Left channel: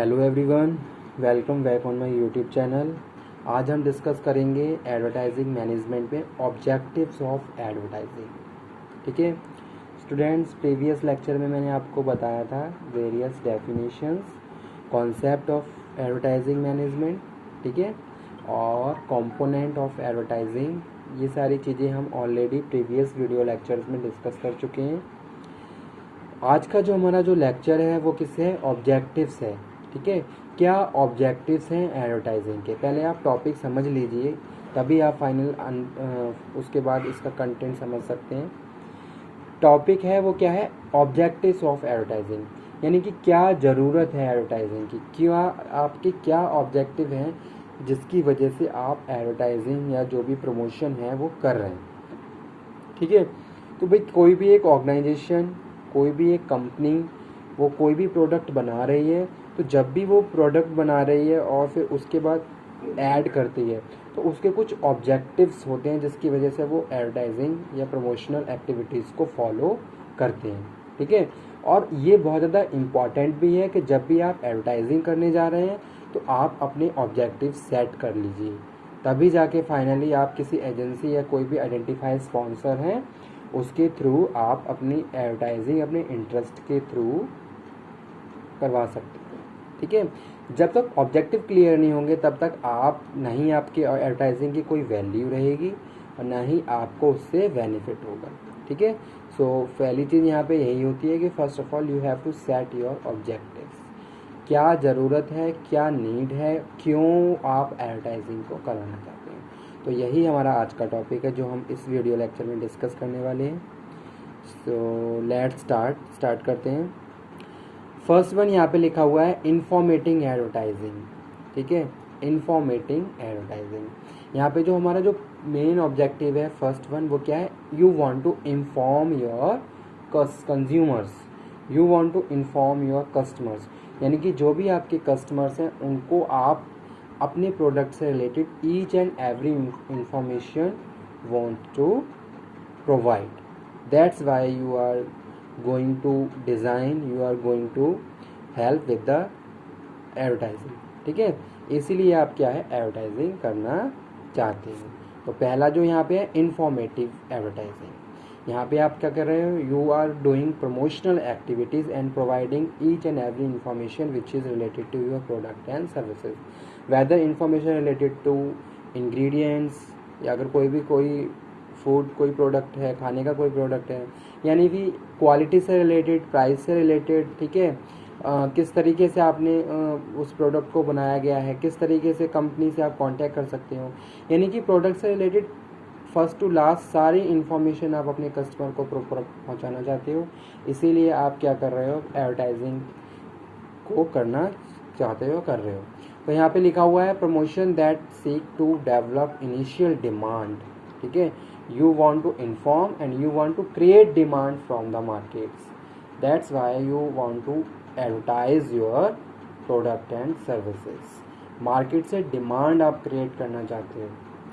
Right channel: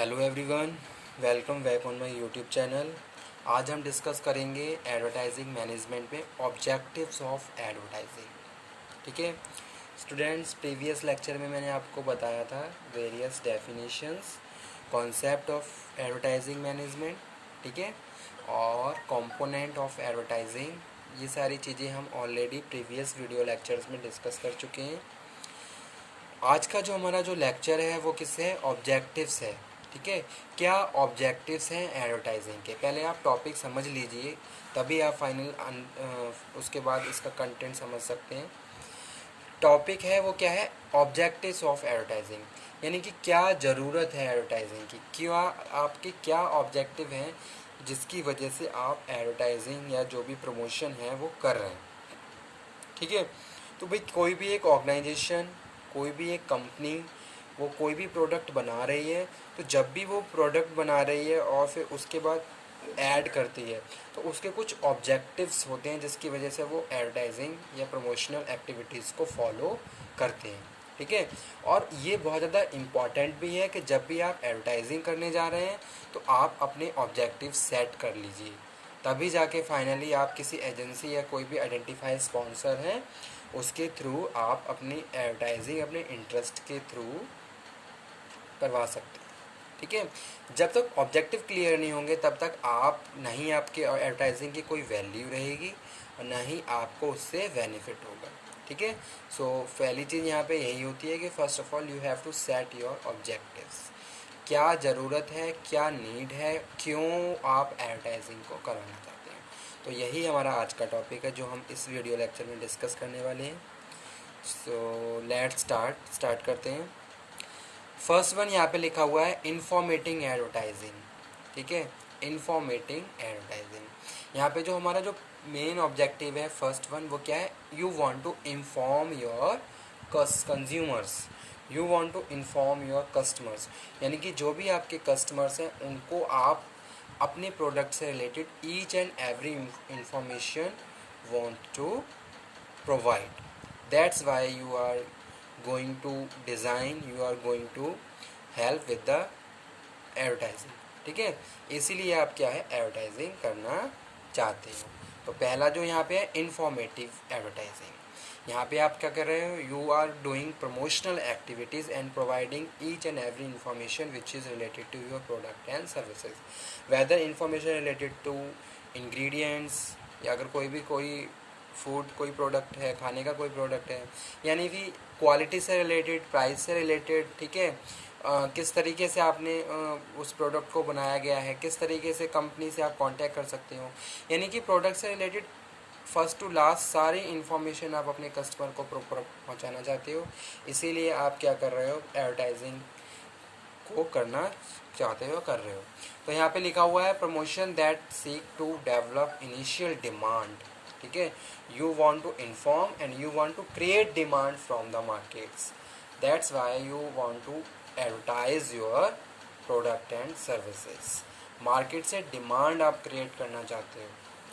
Hello everyone, welcome back on my YouTube channel. आज हम discuss करेंगे एडवर्टाइजिंग मैनेजमेंट में ऑब्जेक्टिव्स ऑफ एडवर्टाइजिंग। ठीक है स्टूडेंट्स, प्रीवियस लेक्चर में मैंने आपको बताया था various definitions, concept of advertising management, ठीक है, और कंपोनेंट ऑफ एडवर्टाइजिंग। ये सारी चीज़ें हम ऑलरेडी प्रीवियस वीडियो लेक्चर्स में डिस्कस कर चुके हैं। आज का जो हमारा जो लेक्चर है वो किससे है? ऑब्जेक्टिव्स है। ठीक है, क्या ऑब्जेक्टिव्स हैं एडवर्टाइजिंग के? पहले आप टॉपिक समझ लीजिए, तभी आप फाइनल उसके बाद इसका कंटेंट समझ सकते हैं। टॉपिक है वो क्या है? ऑब्जेक्टिव्स ऑफ एडवर्टाइजिंग, यानी कि क्या ज़रूरत है एडवर्टाइजिंग की, क्या आपके क्या ऑब्जेक्टिव हैं जिसकी वजह से आप एडवर्टाइजिंग या जो भी प्रमोशन है वो कर रहे हैं। ठीक है, तो भाई कोई भी एक ऑर्गेनाइजेशन, कोई भी एक कंपनी, वो कोई भी प्रोडक्ट बना रही है, तो जब भी वो प्रोडक्ट बना रही है और फिर उसके बाद ऐड करती है, तो उसके कुछ ऑब्जेक्टिव्स होते हैं जिसकी वजह से वो एडवर्टाइजिंग या प्रमोशनल एक्टिविटीज़ को फॉलो करते हैं। ठीक है, और ये बहुत ज़्यादा इम्पॉर्टेंट भी है कि जब भी आप एडवर्टाइजिंग करने जा रहे हैं तो आप अपने ऑब्जेक्टिव सेट कर लीजिए, तभी जाके फाइनली आप किसी एजेंसी या कोई भी आइडेंटिफाइड स्पॉन्सर हैं उसके थ्रू आप अपनी एडवर्टाइजिंग अपने इंटरेस्ट के थ्रू करवा सकते हैं। ठीक है, जब तक ऑब्जेक्टिव क्लियर नहीं होंगे तब तक आप नहीं, आपके एडवर्टाइजिंग की कोई वैल्यू रहेगी और ना ही आपको उससे बेनिफिट होगा। ठीक है, सो पहली चीज़ यहाँ पे यही होती है कि first of all you have to set your objectives. क्या ज़रूरत है, क्या नीड है, क्यों आप एडवर्टाइजिंग को कराना चाहते हैं। तो यही हमारा आज का टॉपिक है जो हम इस वीडियो लेक्चर में डिस्कस करने वाले हैं। सो लेट्स स्टार्ट करते हैं। फर्स्ट वन यहाँ पे लिखा हुआ है इन्फॉर्मेटिंग एडवर्टाइजिंग। ठीक है, इन्फॉर्मेटिंग एडवर्टाइजिंग। यहाँ पे जो हमारा जो मेन ऑब्जेक्टिव है फर्स्ट वन, वो क्या है? You want to inform your consumers, you want to inform your customers, यानी कि जो भी आपके कस्टमर्स हैं उनको आप अपने प्रोडक्ट से related each and every information want to provide. That's why you are going to design, you are going to help with the advertising. ठीक है, इसीलिए आप क्या है एडवर्टाइजिंग करना चाहते हैं। तो पहला जो यहाँ पे है इंफॉर्मेटिव एडवर्टाइजिंग। यहाँ पे आप क्या कर रहे हो? You are doing promotional activities and providing each and every information which is related to your product and services, whether information related to ingredients, या अगर कोई फूड कोई प्रोडक्ट है, खाने का कोई प्रोडक्ट है, यानी कि क्वालिटी से रिलेटेड, प्राइस से रिलेटेड। ठीक है, किस तरीके से आपने उस प्रोडक्ट को बनाया गया है, किस तरीके से कंपनी से आप कांटेक्ट कर सकते हो, यानी कि प्रोडक्ट से रिलेटेड फर्स्ट टू लास्ट सारी इन्फॉर्मेशन आप अपने कस्टमर को प्रॉपर पहुंचाना चाहते हो। इसीलिए आप क्या कर रहे हो? एडवर्टाइजिंग को करना चाहते हो, कर रहे हो। तो यहाँ पे लिखा हुआ है promotion that seek to develop initial demand. ठीक है, you want to inform and you want to create demand from the markets. That's why you want to advertise your product and services. Market से demand आप create करना चाहते हो।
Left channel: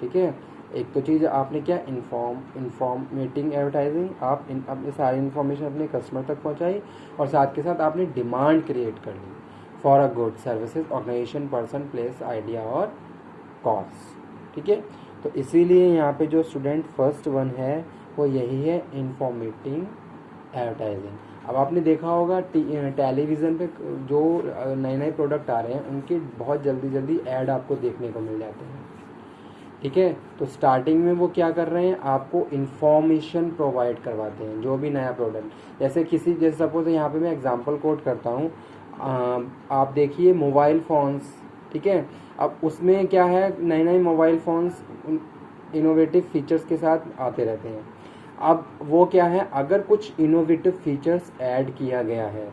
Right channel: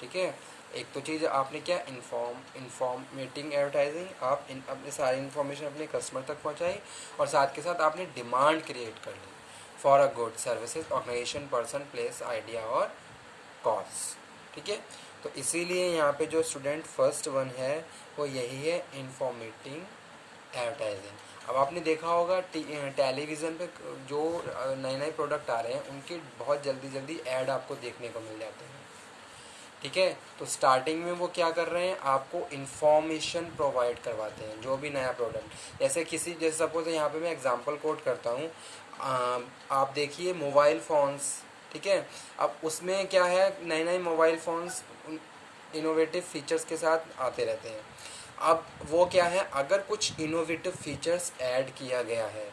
ठीक है, एक तो चीज़ आपने क्या, इन्फॉर्मेटिंग एडवर्टाइजिंग, आप अपने सारी इन्फॉर्मेशन अपने कस्टमर तक पहुंचाई और साथ के साथ आपने डिमांड क्रिएट कर ली for a good services, organisation, person, place, idea और कॉज। ठीक है, तो इसीलिए यहाँ पे जो स्टूडेंट फर्स्ट वन है वो यही है इन्फॉर्मेटिंग एडवर्टाइजिंग। अब आपने देखा होगा टेलीविज़न पे जो नए नए प्रोडक्ट आ रहे हैं उनके बहुत जल्दी ऐड आपको देखने को मिल जाते हैं। ठीक है, तो स्टार्टिंग में वो क्या कर रहे हैं? आपको इन्फॉर्मेशन प्रोवाइड करवाते हैं जो भी नया प्रोडक्ट, जैसे सपोज यहाँ पे मैं एग्जांपल कोट करता हूँ। आप देखिए मोबाइल फ़ोन्स। ठीक है, अब उसमें क्या है, नए नए मोबाइल फ़ोन्स इनोवेटिव फीचर्स के साथ आते रहते हैं। अब वो क्या है, अगर कुछ इनोवेटिव फीचर्स ऐड किया गया है,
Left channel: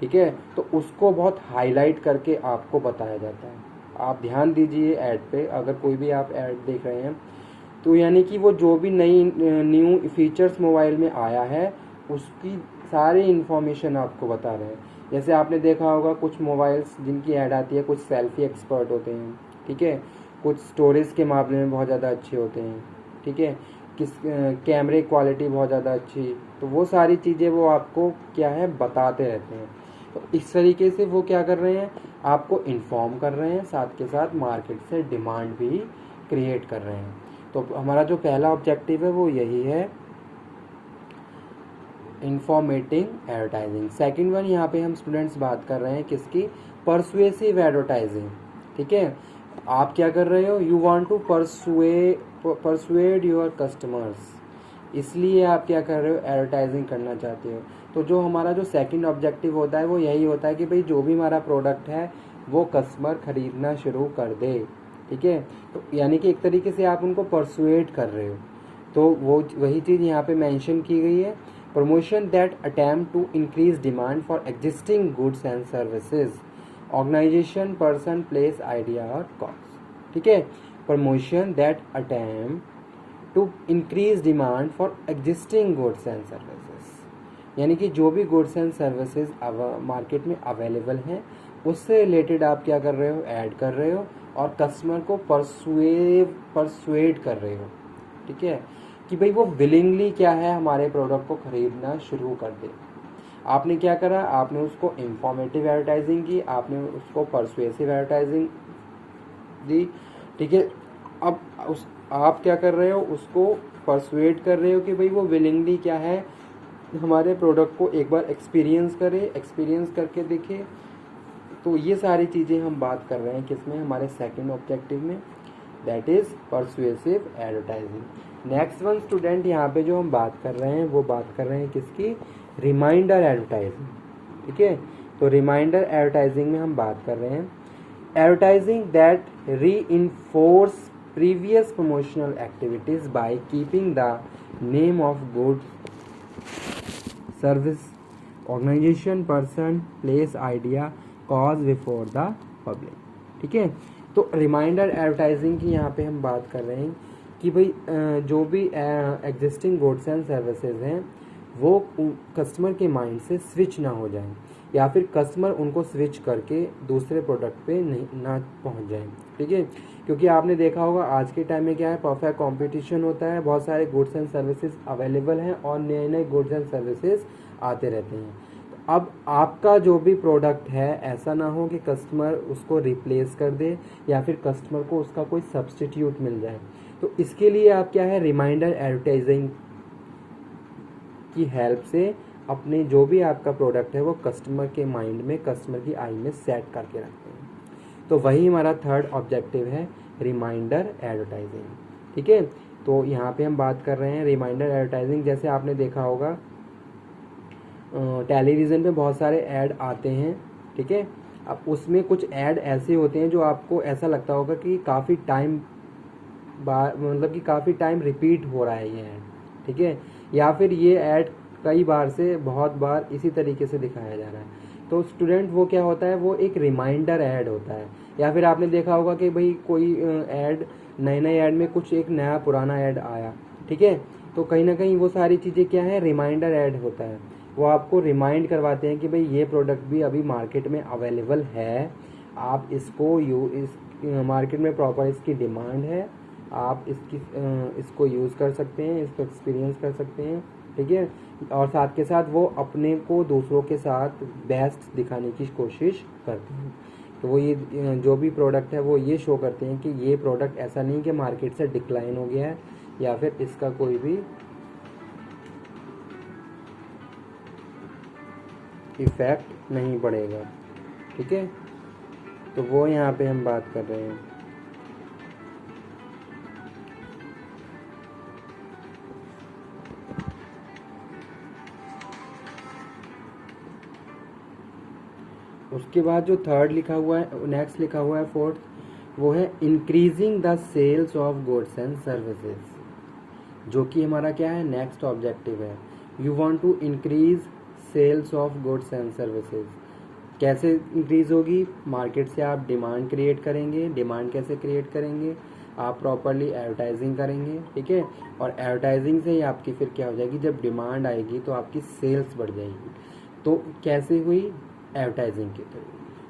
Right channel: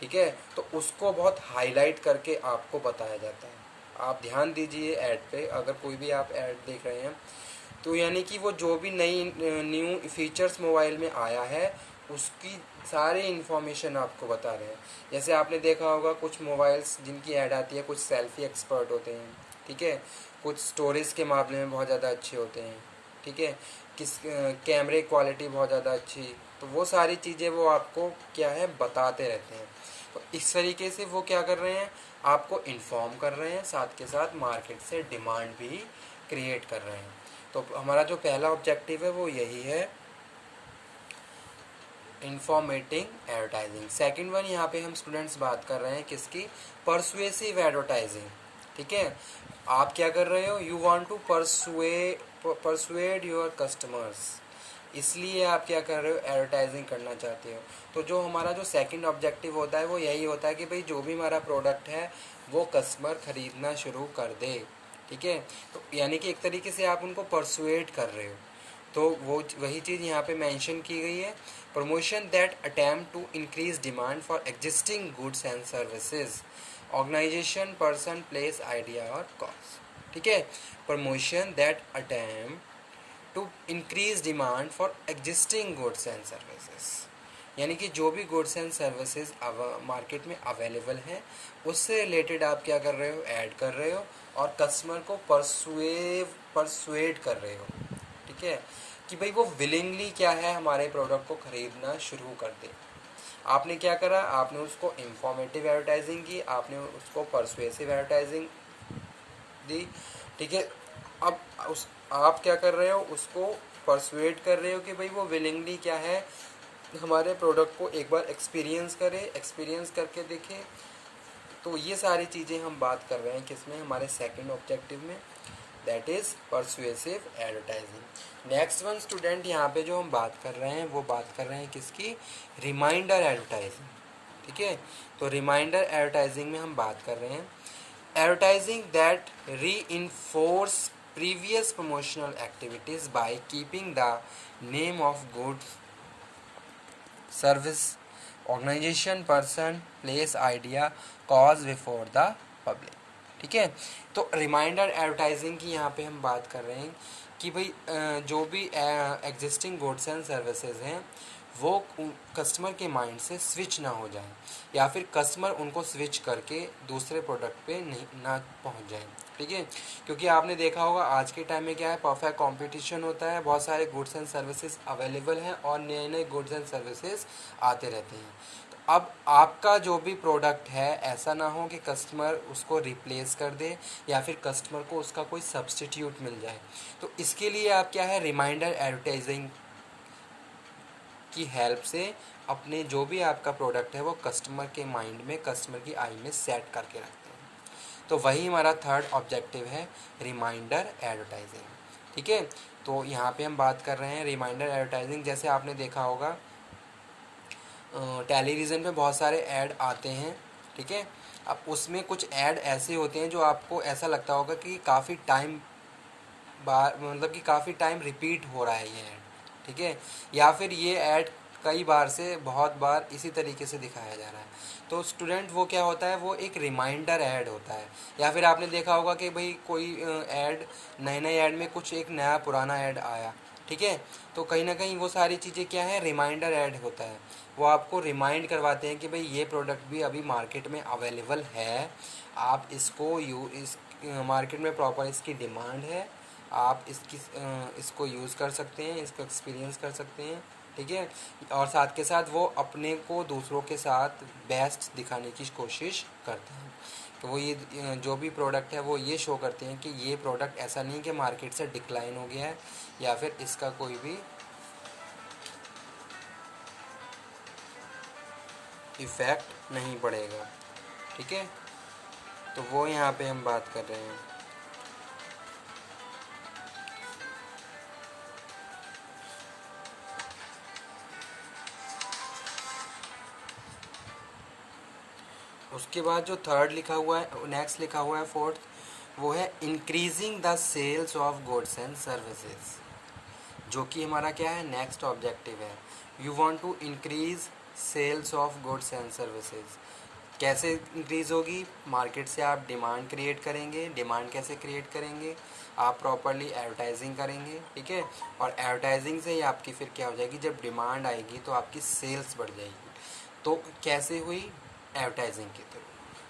ठीक है, तो उसको बहुत हाईलाइट करके आपको बताया जाता है। आप ध्यान दीजिए ऐड पे, अगर कोई भी आप ऐड देख रहे हैं तो यानी कि वो जो भी नई न्यू फीचर्स मोबाइल में आया है उसकी सारी इन्फॉर्मेशन आपको बता रहे हैं। जैसे आपने देखा होगा कुछ मोबाइल्स जिनकी ऐड आती है, कुछ सेल्फी एक्सपर्ट होते हैं। ठीक है, कुछ स्टोरेज के मामले में बहुत ज़्यादा अच्छे होते हैं। ठीक है, कैमरे क्वालिटी बहुत ज़्यादा अच्छी, तो वो सारी चीज़ें वो आपको क्या है बताते रहते हैं। तो इस तरीके से वो क्या कर रहे हैं, आपको इन्फॉर्म कर रहे हैं, साथ के साथ मार्केट से डिमांड भी क्रिएट कर रहे हैं। तो हमारा जो पहला ऑब्जेक्टिव है वो यही है, इंफॉर्मेटिंग एडवर्टाइजिंग। सेकंड वन यहाँ पे हम स्टूडेंट्स बात कर रहे हैं किसकी, परसुएसिव एडवर्टाइजिंग। ठीक है, आप क्या कर रहे हो, you want to persuade your customers, इसलिए आप क्या कर रहे हो, एडवर्टाइजिंग करना चाहते हो। तो जो हमारा जो सेकंड ऑब्जेक्टिव होता है वो यही होता है कि भाई जो भी हमारा प्रोडक्ट है वो कस्टमर खरीदना शुरू कर दे। ठीक है, तो यानी कि एक तरीके से आप उनको परसुएड कर रहे हो। तो वो वही चीज़ यहाँ पे मेंशन की गई है, promotion that attempt to increase demand for existing goods and services, organisation, person, place, idea और कॉज। ठीक है, promotion that attempt to increase demand for existing goods and services, यानी कि जो भी गुड्स एंड सर्विसेज मार्केट में available हैं उससे रिलेटेड आप क्या कर रहे हो, ऐड कर रहे हो और कस्टमर को परसुएड कर रहे हो। ठीक है, कि भाई वो विलिंगली क्या है, हमारे प्रोडक्ट को खरीदना शुरू कर दे। आपने क्या करा, आपने उसको इंफॉर्मेटिव एडवर्टाइजिंग की, आपने उसको परसुएसिव एडवर्टाइजिंग दी। ठीक है, अब उस आप क्या कर रहे हो, उसको परसुएड कर रहे हो कि भाई वो विलिंगली क्या है, हमारे प्रोडक्ट को एक बार एक्सपीरियंस करे, एक्सपीरियंस करके देखे। तो ये सारी चीज़ें हम बात कर रहे हैं किसमें, हमारे सेकंड ऑब्जेक्टिव में, that is persuasive advertising. Next one student यहाँ पे जो हम बात कर रहे हैं वो बात कर रहे हैं किसकी, रिमाइंडर एडवर्टाइजिंग। ठीक है, तो रिमाइंडर एडवर्टाइजिंग में हम बात कर रहे हैं advertising that reinforce previous promotional activities by keeping the name of goods, service, organization, person, place, idea, cause before the public. ठीक है, तो रिमाइंडर एडवर्टाइजिंग की यहाँ पे हम बात कर रहे हैं कि भाई जो भी एग्जिस्टिंग गुड्स एंड सर्विसेज हैं वो कस्टमर के माइंड से स्विच ना हो जाए, या फिर कस्टमर उनको स्विच करके दूसरे प्रोडक्ट पे नहीं ना पहुंच जाए। ठीक है, क्योंकि आपने देखा होगा आज के टाइम में क्या है, परफेक्ट कंपटीशन होता है, बहुत सारे गुड्स एंड सर्विसेज अवेलेबल हैं और नए नए गुड्स एंड सर्विसेज आते रहते हैं। तो अब आपका जो भी प्रोडक्ट है ऐसा ना हो कि कस्टमर उसको रिप्लेस कर दे या फिर कस्टमर को उसका कोई सब्स्टिट्यूट मिल जाए। तो इसके लिए आप क्या है, रिमाइंडर एडवर्टाइजिंग की हेल्प से अपने जो भी आपका प्रोडक्ट है वो कस्टमर के माइंड में, कस्टमर की आई में सेट करके रखते हैं। तो वही हमारा थर्ड ऑब्जेक्टिव है, रिमाइंडर एडवर्टाइजिंग। ठीक है, तो यहाँ पे हम बात कर रहे हैं रिमाइंडर एडवर्टाइजिंग। जैसे आपने देखा होगा टेलीविज़न पे बहुत सारे ऐड आते हैं। ठीक है, अब उसमें कुछ ऐड ऐसे होते हैं जो आपको ऐसा लगता होगा कि काफ़ी टाइम मतलब कि काफ़ी टाइम रिपीट हो रहा है ये ऐड। ठीक है, या फिर ये ऐड कई बार से बहुत बार इसी तरीके से दिखाया जा रहा है। तो स्टूडेंट वो क्या होता है, वो एक रिमाइंडर ऐड होता है। या फिर आपने देखा होगा कि भाई कोई ऐड, नए नए ऐड में कुछ एक नया पुराना ऐड आया। ठीक है, तो कहीं ना कहीं वो सारी चीज़ें क्या है, रिमाइंडर ऐड होता है। वो आपको रिमाइंड करवाते हैं कि भाई ये प्रोडक्ट भी अभी मार्केट में अवेलेबल है, आप इसको इस मार्केट में प्रॉपर इसकी डिमांड है, आप इसको यूज़ कर सकते हैं, इसको एक्सपीरियंस कर सकते हैं। ठीक है, और साथ के साथ वो अपने को दूसरों के साथ बेस्ट दिखाने की कोशिश करते हैं। तो वो ये जो भी प्रोडक्ट है वो ये शो करते हैं कि ये प्रोडक्ट ऐसा नहीं कि मार्केट से डिक्लाइन हो गया है या फिर इसका कोई भी इफ़ेक्ट नहीं पड़ेगा। ठीक है, तो वो यहाँ पे हम बात कर रहे हैं। उसके बाद जो थर्ड लिखा हुआ है, नेक्स्ट लिखा हुआ है फोर्थ, वो है increasing the sales of goods and services, जो कि हमारा क्या है, नेक्स्ट ऑब्जेक्टिव है। You want to increase sales of goods and services. कैसे इंक्रीज़ होगी, मार्केट से आप डिमांड क्रिएट करेंगे। डिमांड कैसे क्रिएट करेंगे, आप प्रॉपरली एडवर्टाइजिंग करेंगे। ठीक है, और एडवर्टाइजिंग से ही आपकी फिर क्या हो जाएगी, जब डिमांड आएगी तो आपकी सेल्स बढ़ जाएगी। तो कैसे हुई, एडवर्टाइजिंग के थ्रू।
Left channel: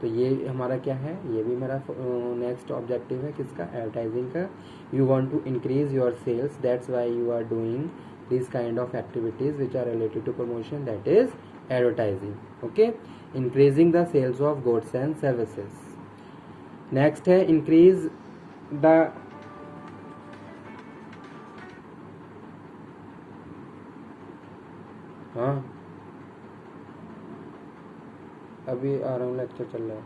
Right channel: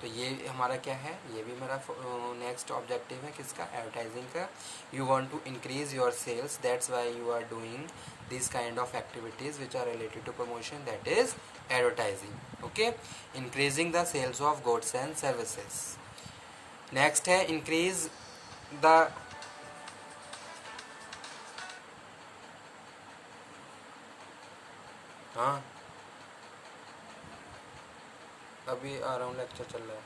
तो ये हमारा क्या है, ये भी मेरा नेक्स्ट ऑब्जेक्टिव है किसका, एडवर्टाइजिंग का। You want to increase your sales, that's why you are doing this kind of activities which are related to promotion, that is advertising. Okay, increasing the sales of goods and services. Next है increase the हाँ अभी आ रहा हूँ, lecture चल रहा है।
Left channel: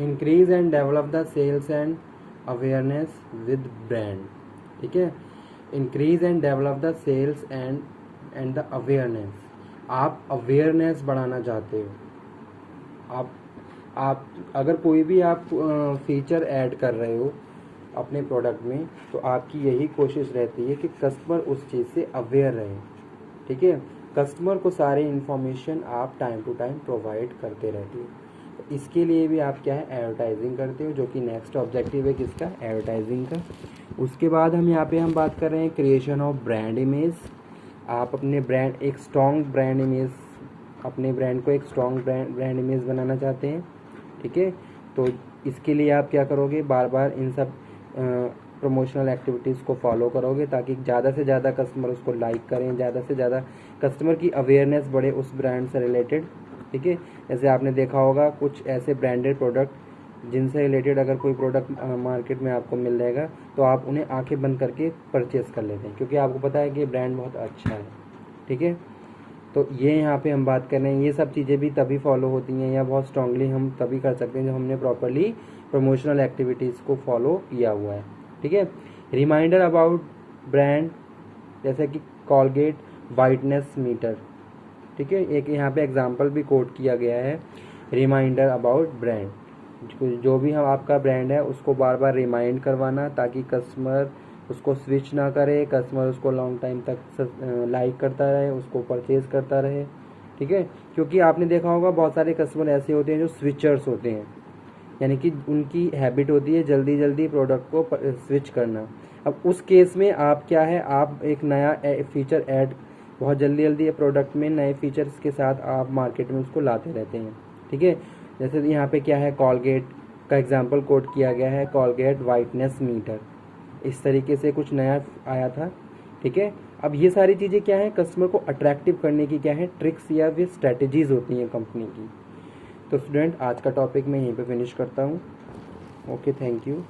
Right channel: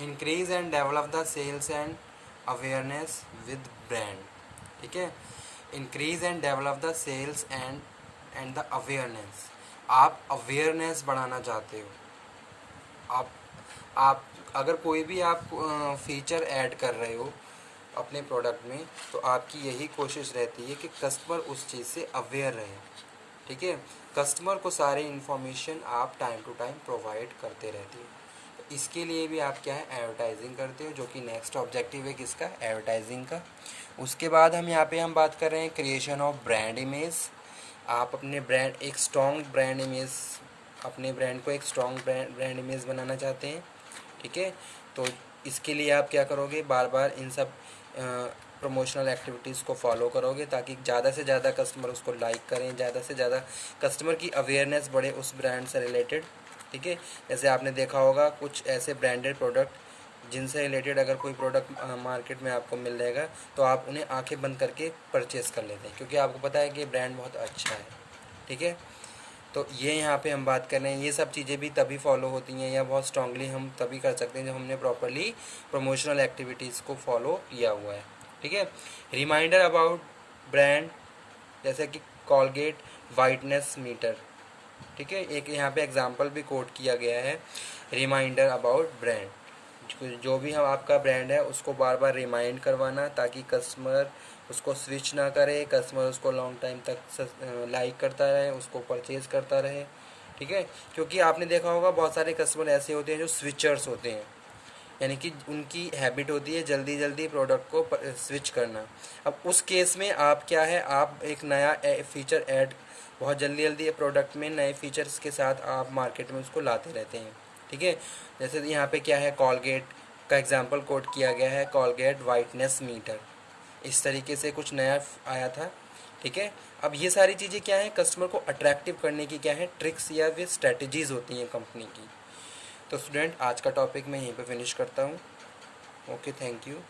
Increase and develop the sales and awareness with brand. ठीक है, increase and develop the sales and the awareness. आप अवेयरनेस बढ़ाना चाहते हो। आप अगर कोई भी आप फीचर ऐड कर रहे हो अपने प्रोडक्ट में, तो आपकी यही कोशिश रहती है कि कस्टमर उस चीज़ से अवेयर रहे। ठीक है, कस्टमर को सारी इन्फॉर्मेशन आप टाइम टू टाइम प्रोवाइड करते रहते हो। तो इसके लिए भी आप क्या है, एडवर्टाइजिंग करते हो, जो कि नेक्स्ट ऑब्जेक्टिव है किसका, एडवर्टाइजिंग का। उसके बाद हम बात कर रहे हैं क्रिएशन ऑफ ब्रांड इमेज। आप अपने ब्रांड एक स्ट्रॉन्ग ब्रांड इमेज, अपने ब्रांड को एक स्ट्रॉन्ग ब्रांड इमेज बनाना चाहते हैं। ठीक है, तो इसके लिए आप क्या करोगे, बार बार इन सब प्रमोशनल एक्टिविटीज़ को फॉलो करोगे, ताकि ज़्यादा से ज़्यादा कस्टमर उसको लाइक करें, ज़्यादा से ज़्यादा कस्टमर की अवेयरनेस बढ़े उस ब्रांड से रिलेटेड। ठीक है, जैसे आपने देखा होगा कुछ ऐसे ब्रांडेड प्रोडक्ट जिनसे रिलेटेड अगर कोई प्रोडक्ट मार्केट में आपको मिल जाएगा, तो आप उन्हें आंखें बंद करके परचेज़ कर लेते हैं, क्योंकि आपको पता है कि ब्रांड बहुत अच्छा है। ठीक है, तो ये यहाँ पे हम बात कर रहे हैं, ये सब चीज़ें भी तभी फॉलो होती हैं या बहुत स्ट्रांगली हम तभी कर सकते हैं जब हमने प्रॉपरली प्रमोशनल एक्टिविटीज़ को फॉलो किया हुआ है। ठीक है, रिमाइंडर अबाउट ब्रांड, जैसे कि कॉलगेट वाइटनेस मीटर। ठीक है, एक यहाँ पे एग्जांपल भी कोट किया गया है, रिमाइंडर अबाउट ब्रांड। जो भी हम आपका ब्रांड है उसको बार बार रिमाइंड करवाना, ताकि कस्टमर उसको स्विच ना करे, कस्टमर उसको लॉन्ग टाइम तक लाइक करता रहे, उसको परचेज़ करता रहे। ठीक है, क्योंकि आपने देखा होगा बहुत सारे कस्टमर ऐसे होते हैं जो स्विचर्स होते हैं, यानी कि उनकी हैबिट होती है जल्दी जल्दी प्रोडक्ट को स्विच करना। अब उस केस में आप क्या है, आप एक नया फीचर ऐड बहुत जल्दी जल्दी प्रोडक्ट में नए फीचर्स के साथ आप मार्केट में उसको लाते रहते हैं। ठीक है, जैसे यहाँ पे क्या है, कॉलगेट का एग्जांपल कोट किया गया है, कॉलगेट वाइटनेस मीटर, इस तरीके से कुछ नया आया था। ठीक है, अब ये सारी चीज़ें क्या है, कस्टमर को अट्रैक्टिव करने की क्या है, ट्रिक्स या फिर स्ट्रैटेजीज़ होती हैं कंपनी की। तो स्टूडेंट, आज का टॉपिक मैं यहीं पे फिनिश करता हूँ। Okay, thank you.